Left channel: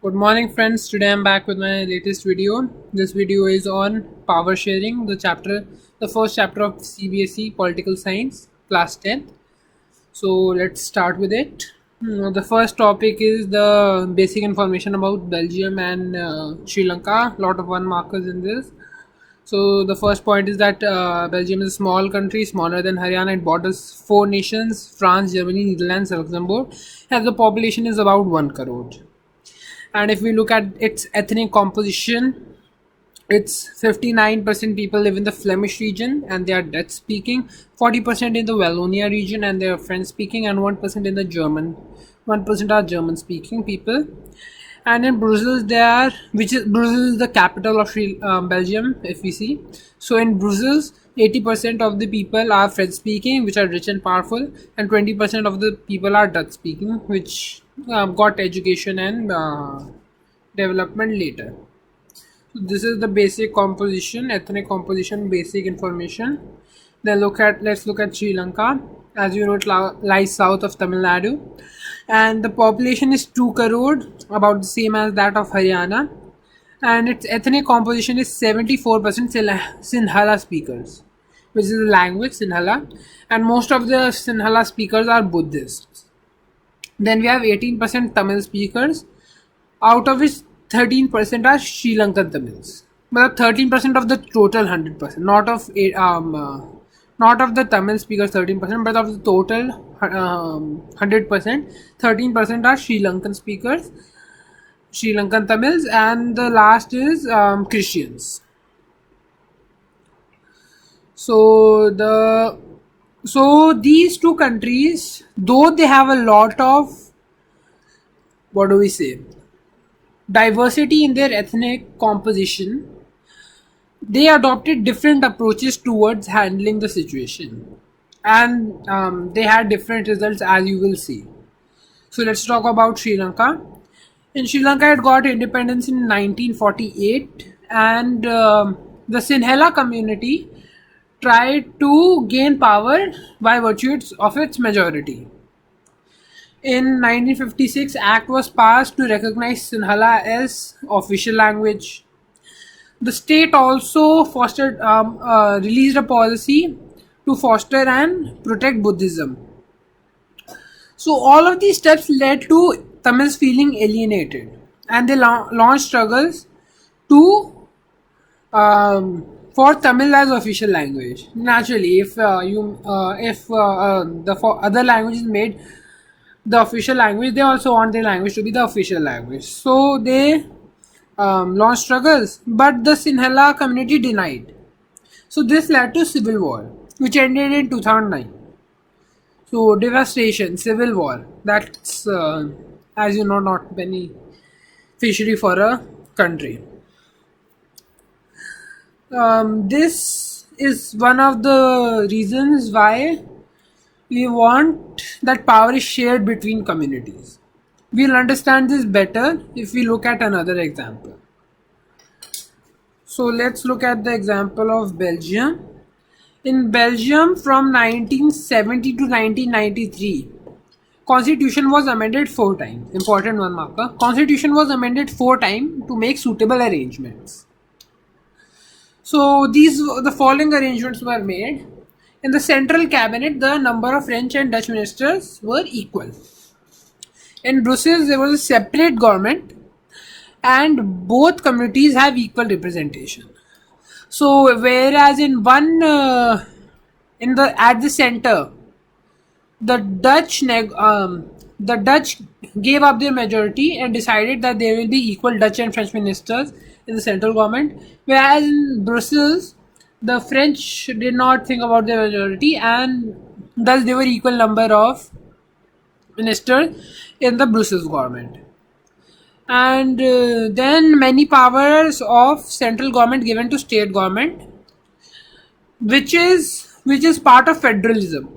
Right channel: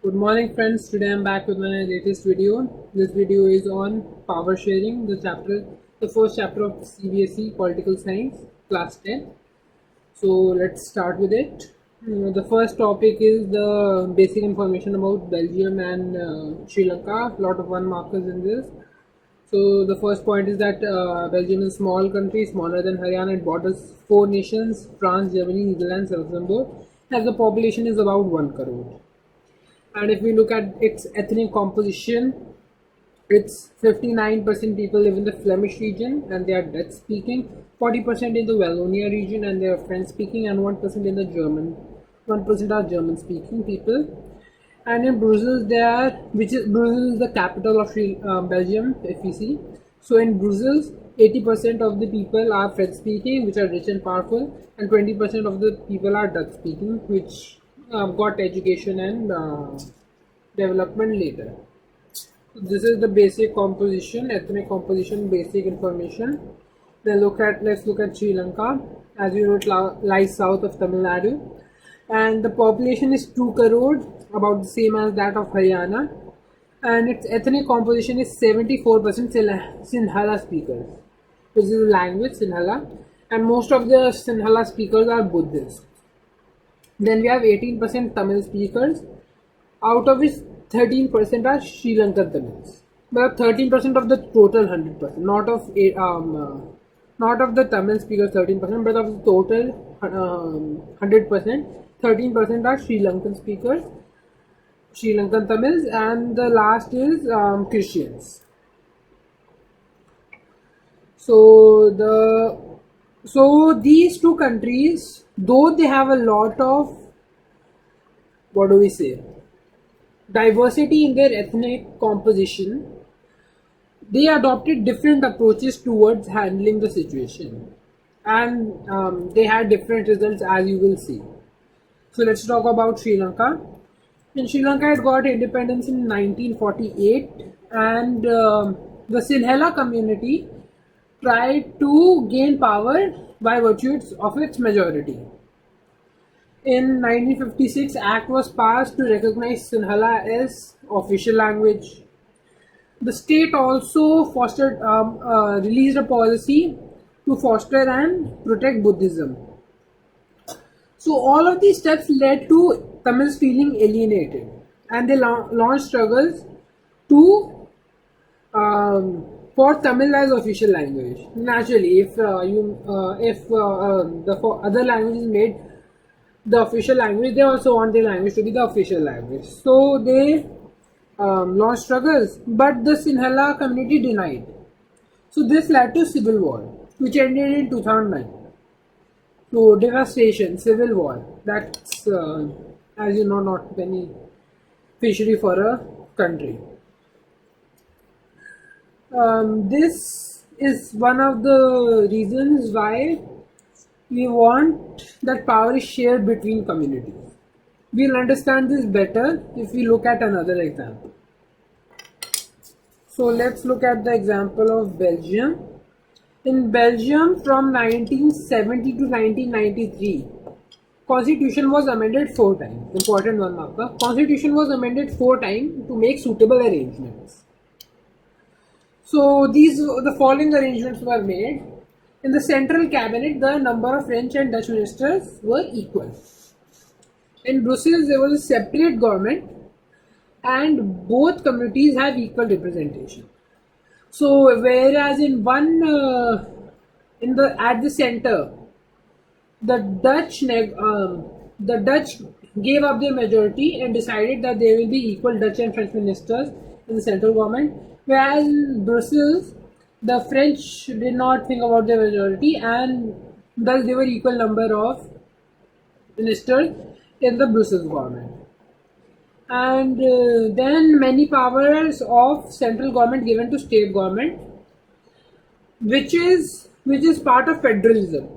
Good morning, friends. Today I'm back with my latest video. This video is on power sharing, the first chapter of CBSE Political Science, class 10. So let's start with it. The first topic is the basic information about Belgium and Sri Lanka. Lot of one markers in this. So the first point is that Belgium is a small country, smaller than Haryana. It borders four nations: France, Germany, Netherlands, Luxembourg. And the population is about 1 crore. And if we look at its ethnic composition, it's 59% people live in the Flemish region and they are Dutch speaking, 40% in the Wallonia region and they are French speaking, and 1% in the German. 1% are German speaking people. And in Brussels, Brussels is the capital of Belgium, if we see. So in Brussels, 80% of the people are French speaking, which are rich and powerful, and 20% of the people are Dutch speaking, which got education and development later. So this is the basic composition, ethnic composition, basic information. Then let's look at Sri Lanka. As you know, it lies south of Tamil Nadu, and the population is 2 crore, about the same as that of Haryana. And its ethnic composition is 74% Sinhala speakers, which is the language Sinhala, and most of the Sinhala speakers are Buddhists. Then we have 18% Tamil speakers, out of which 13% are Sri Lankan Tamils. But 13% of the total 100%, not of the Tamil speakers 13%, but of the total 100%, 13% are Sri Lankan speakers, Sri Lankan Tamils, and the last is Christians. So these two countries, though they have a lot of, what do we say, diversity in their ethnic composition, they adopted different approaches towards handling the situation, and they had different results, as you will see. So let's talk about Sri Lanka. In Sri Lanka, it got independence in 1948, and the Sinhala community tried to gain power by virtue of its majority. In 1956, Act was passed to recognize Sinhala as official language. The state also released a policy to foster and protect Buddhism. So all of these steps led to Tamils feeling alienated, and they launched struggles to for Tamil as official language. Naturally, if the other language is made the official language, they also want their language to be the official language. So they launched struggles, but the Sinhala community denied. So this led to civil war, which ended in 2009. So devastation, civil war. That's as you know, not beneficiary for a country. This is one of the reasons why we want that power is shared between communities. We'll understand this better if we look at another example. So let's look at the example of Belgium. In Belgium from 1970 to 1993, Constitution was amended 4 times. Important one marker. Constitution was amended 4 times to make suitable arrangements. So the following arrangements were made. In the central cabinet, the number of French and Dutch ministers were equal. In Brussels, there was a separate government, and both communities have equal representation. So whereas in one in the at the center, the Dutch gave up their majority and decided that there will be equal Dutch and French ministers in the central government, whereas in Brussels, the French did not think about their majority, and thus there were equal number of ministers in the Brussels government. And then many powers of central government given to state government, which is part of federalism.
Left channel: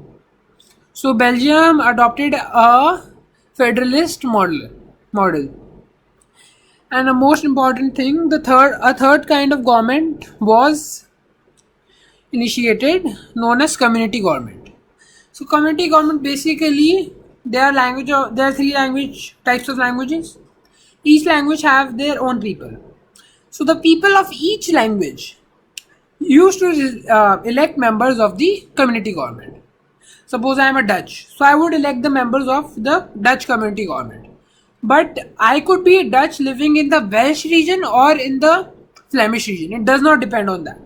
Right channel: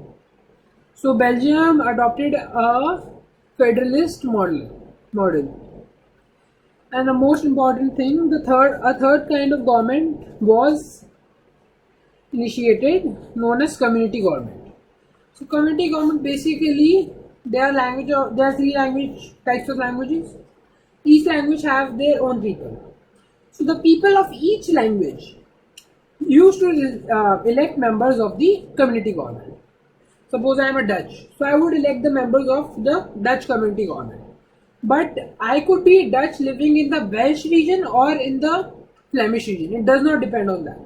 So Belgium adopted a federalist model. And the most important thing, a third kind of government was initiated, known as community government. So community government, basically there are three language types of languages: Each language have their own people. So the people of each language used to elect members of the community government. Suppose I am a Dutch, so I would elect the members of the Dutch community government. But I could be Dutch living in the Welsh region or in the Flemish region. It does not depend on that.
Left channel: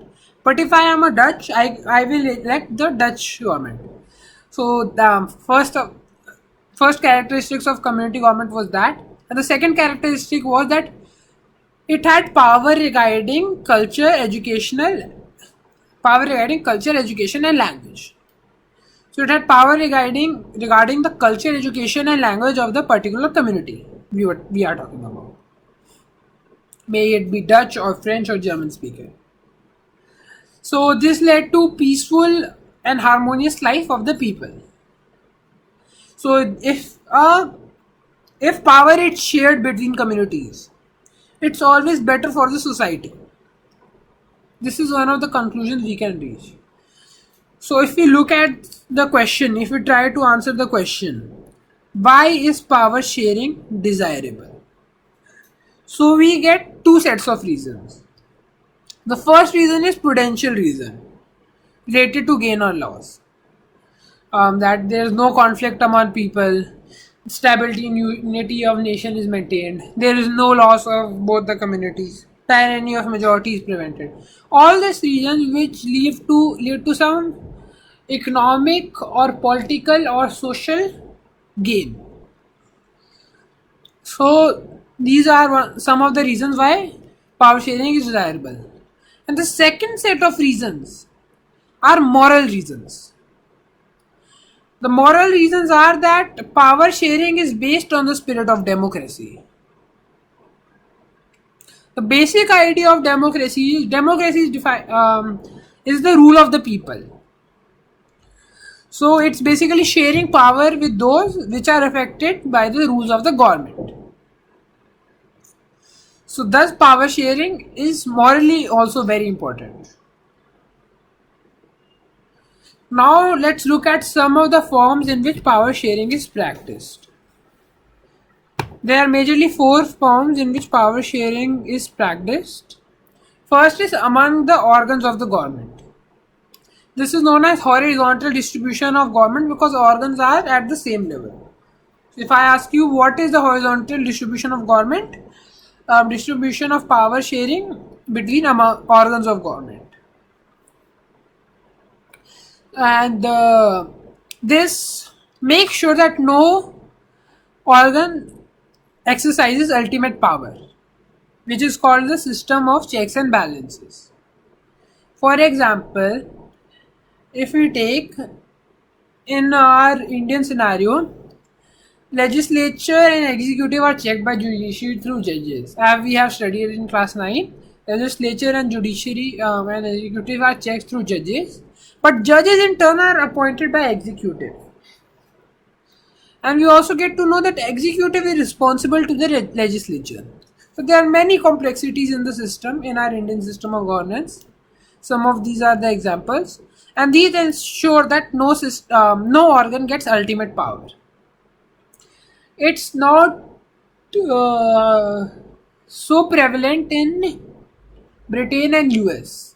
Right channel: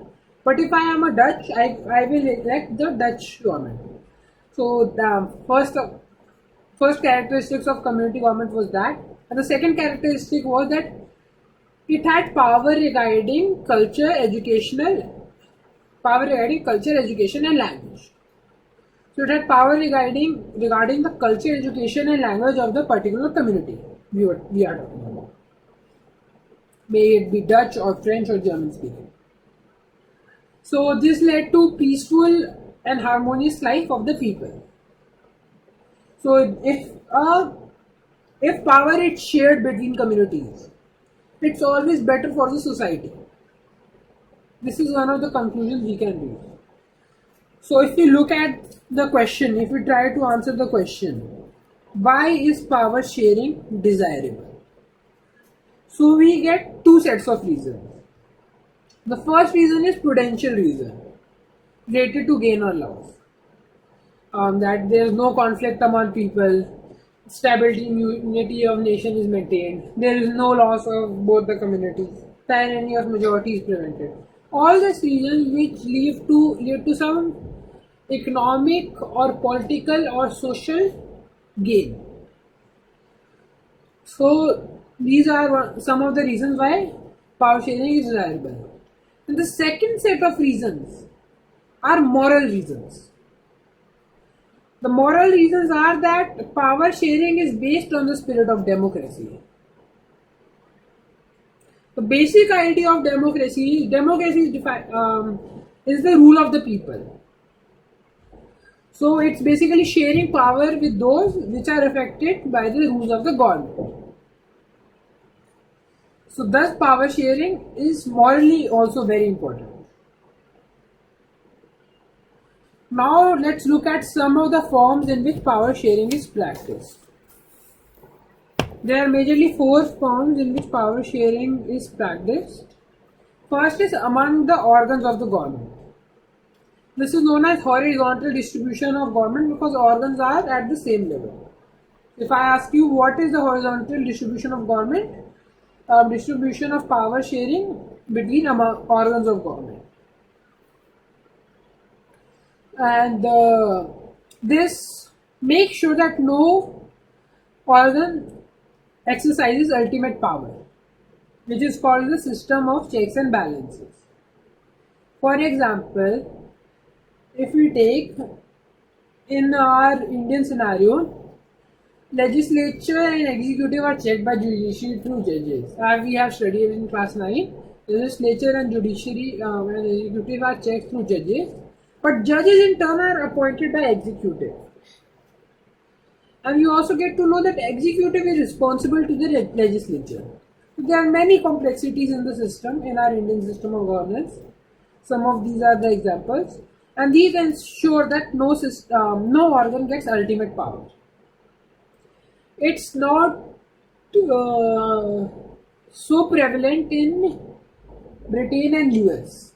But if I am a Dutch, I will elect the Dutch government. So the first characteristics of community government was that, and the second characteristic was that it had power regarding culture, education, and language. So it had power regarding the culture, education, and language of the particular community we are talking about. May it be Dutch or French or German speaker. So this led to peaceful and harmonious life of the people. So if power is shared between communities, it's always better for the society. This is one of the conclusions we can reach. So if we look at the question, if we try to answer the question, why is power sharing desirable? So we get two sets of reasons. The first reason is prudential reason related to gain or loss. That there is no conflict among people, stability and unity of nation is maintained, there is no loss of both the communities, tyranny of majority is prevented. All these reasons which lead to some economic or political or social gain. So these are some of the reasons why power sharing is desirable. And the second set of reasons are moral reasons. The moral reasons are that power sharing is based on the spirit of democracy. The basic idea of democracy is the rule of the people. So it's basically sharing power with those which are affected by the rules of the government. So thus power sharing is morally also very important. Now let's look at some of the forms in which power sharing is practiced. There are majorly four forms in which power sharing is practiced. First is among the organs of the government. This is known as horizontal distribution of government because organs are at the same level. If I ask you what is the horizontal distribution of government, distribution of power sharing between organs of government. And this makes sure that no organ exercises ultimate power, which is called the system of checks and balances. For example, if we take in our Indian scenario, legislature and executive are checked by judiciary through judges. As we have studied in class 9, legislature and judiciary and executive are checked through judges, but judges in turn are appointed by executive. And we also get to know that executive is responsible to the legislature. So there are many complexities in the system, in our Indian system of governance. Some of these are the examples, and these ensure that no organ gets ultimate power. It's not so prevalent in Britain and US.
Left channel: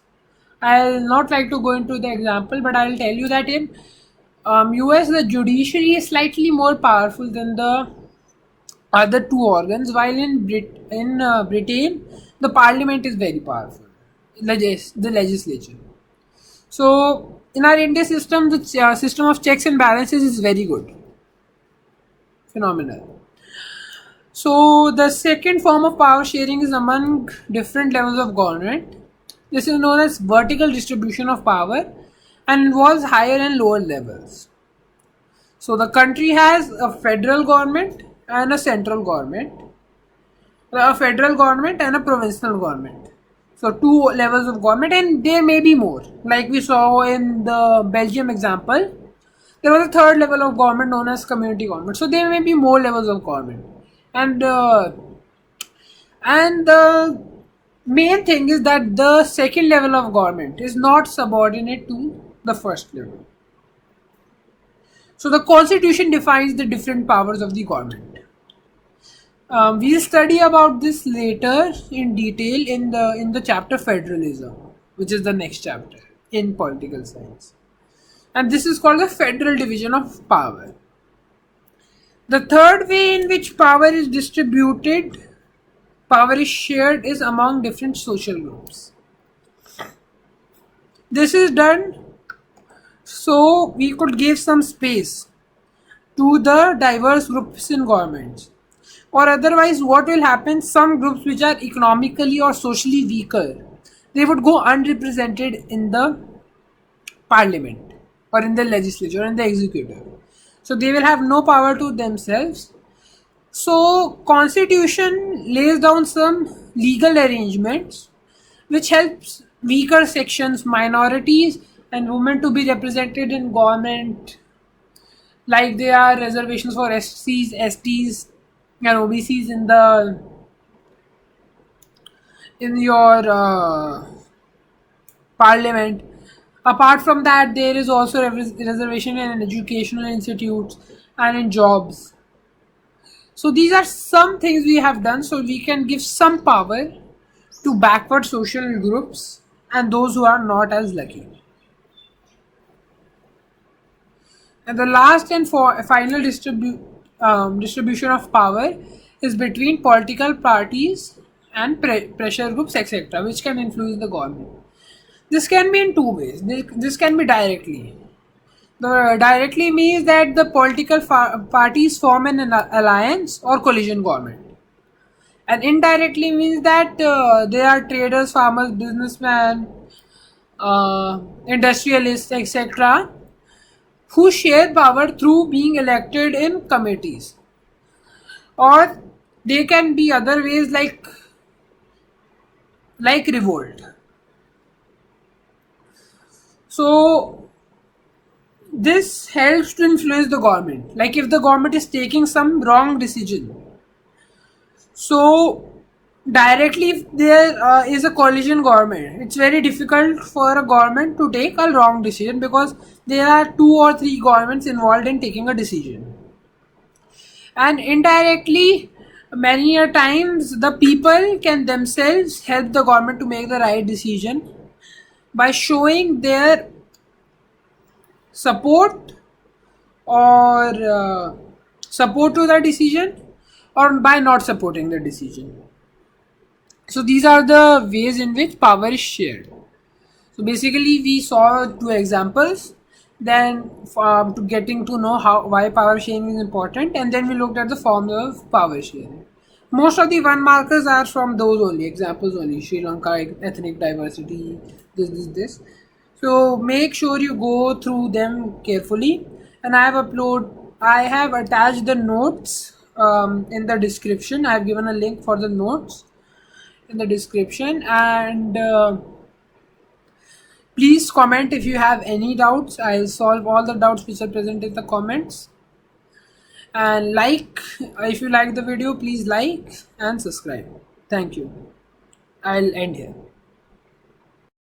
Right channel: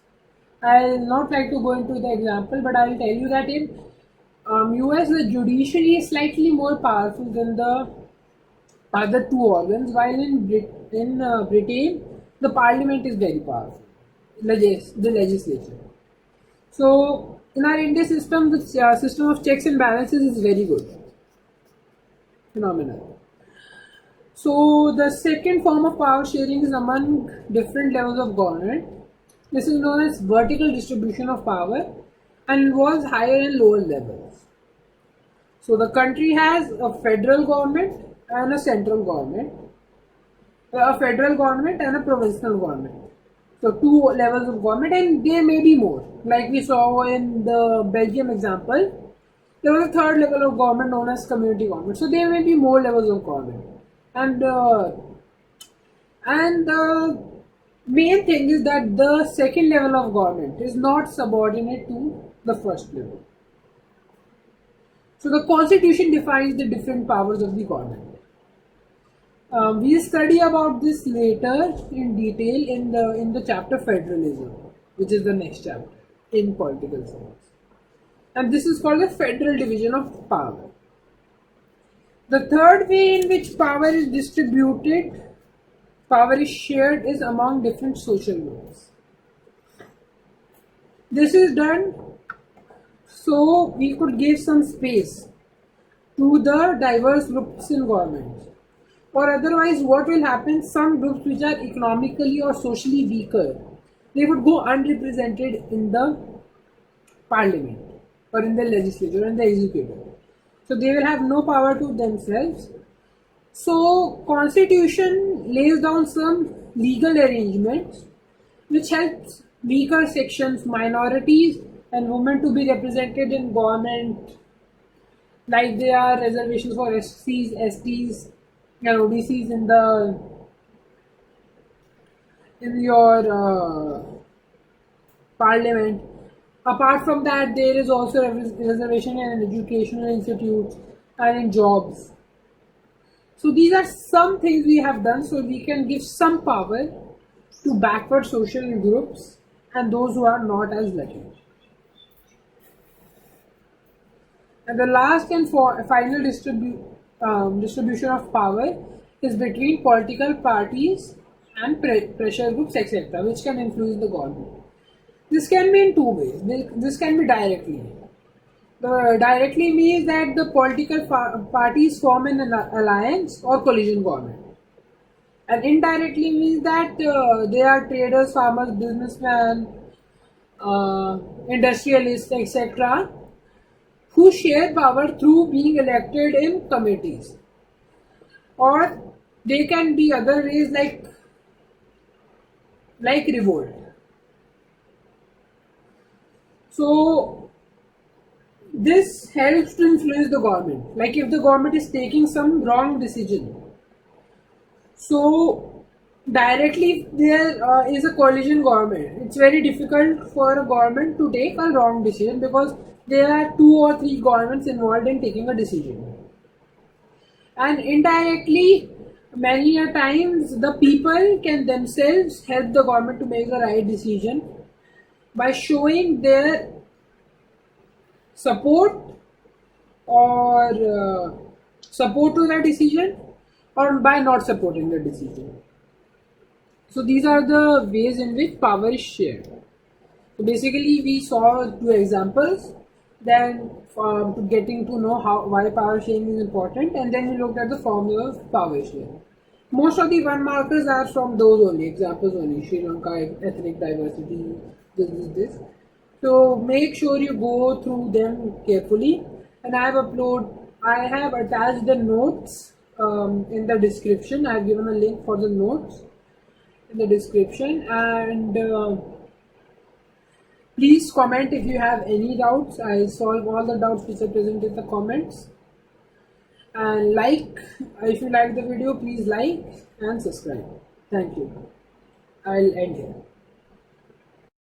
I'll not like to go into the example, but I'll tell you that in US the judiciary is slightly more powerful than the other two organs, while in Britain the parliament is very powerful, the legislature. So in our Indian system, the system of checks and balances is very good, phenomenal. So the second form of power sharing is among different levels of government. This is known as vertical distribution of power and involves higher and lower levels. So the country has a federal government and a central government, a federal government and a provincial government. So two levels of government, and there may be more. Like we saw in the Belgium example, there was a third level of government known as community government. So there may be more levels of government, and the main thing is that the second level of government is not subordinate to the first level. So the constitution defines the different powers of the government. We'll study about this later in detail in the chapter federalism, which is the next chapter in political science. And this is called the federal division of power. The third way in which power is distributed, power is shared, is among different social groups. This is done so we could give some space to the diverse groups in governments. Or otherwise, what will happen? Some groups which are economically or socially weaker, they would go unrepresented in the parliament or in the legislature or in the executive. So they will have no power to themselves. So constitution lays down some legal arrangements which helps weaker sections, minorities and women to be represented in government, like there are reservations for SCs, STs and OBCs in your parliament. Apart from that, there is also reservation in educational institutes and in jobs. So these are some things we have done so we can give some power to backward social groups and those who are not as lucky. And the last and final distribution of power is between political parties and pressure groups, etc., which can influence the government. This can be in two ways. This can be directly. The directly means that the political parties form an alliance or coalition government. And indirectly means that they are traders, farmers, businessmen, industrialists, etc., who share power through being elected in committees. Or they can be other ways like revolt. So this helps to influence the government. Like if the government is taking some wrong decision, so directly if there is a coalition government, it's very difficult for a government to take a wrong decision because there are 2 or 3 governments involved in taking a decision. And indirectly, many a times the people can themselves help the government to make the right decision by showing their support or support to the decision or by not supporting the decision. So these are the ways in which power is shared. So basically we saw 2 examples, then to getting to know why power sharing is important, and then we looked at the formula of power sharing. Most of the 1 markers are from those only, examples only, Sri Lanka, ethnic diversity, this. So make sure you go through them carefully, and I have attached the notes in the description. I have given a link for the notes in the description, and please comment if you have any doubts. I'll solve all the doubts which are present in the comments. And if you like the video, please like and subscribe. Thank you. I'll end here.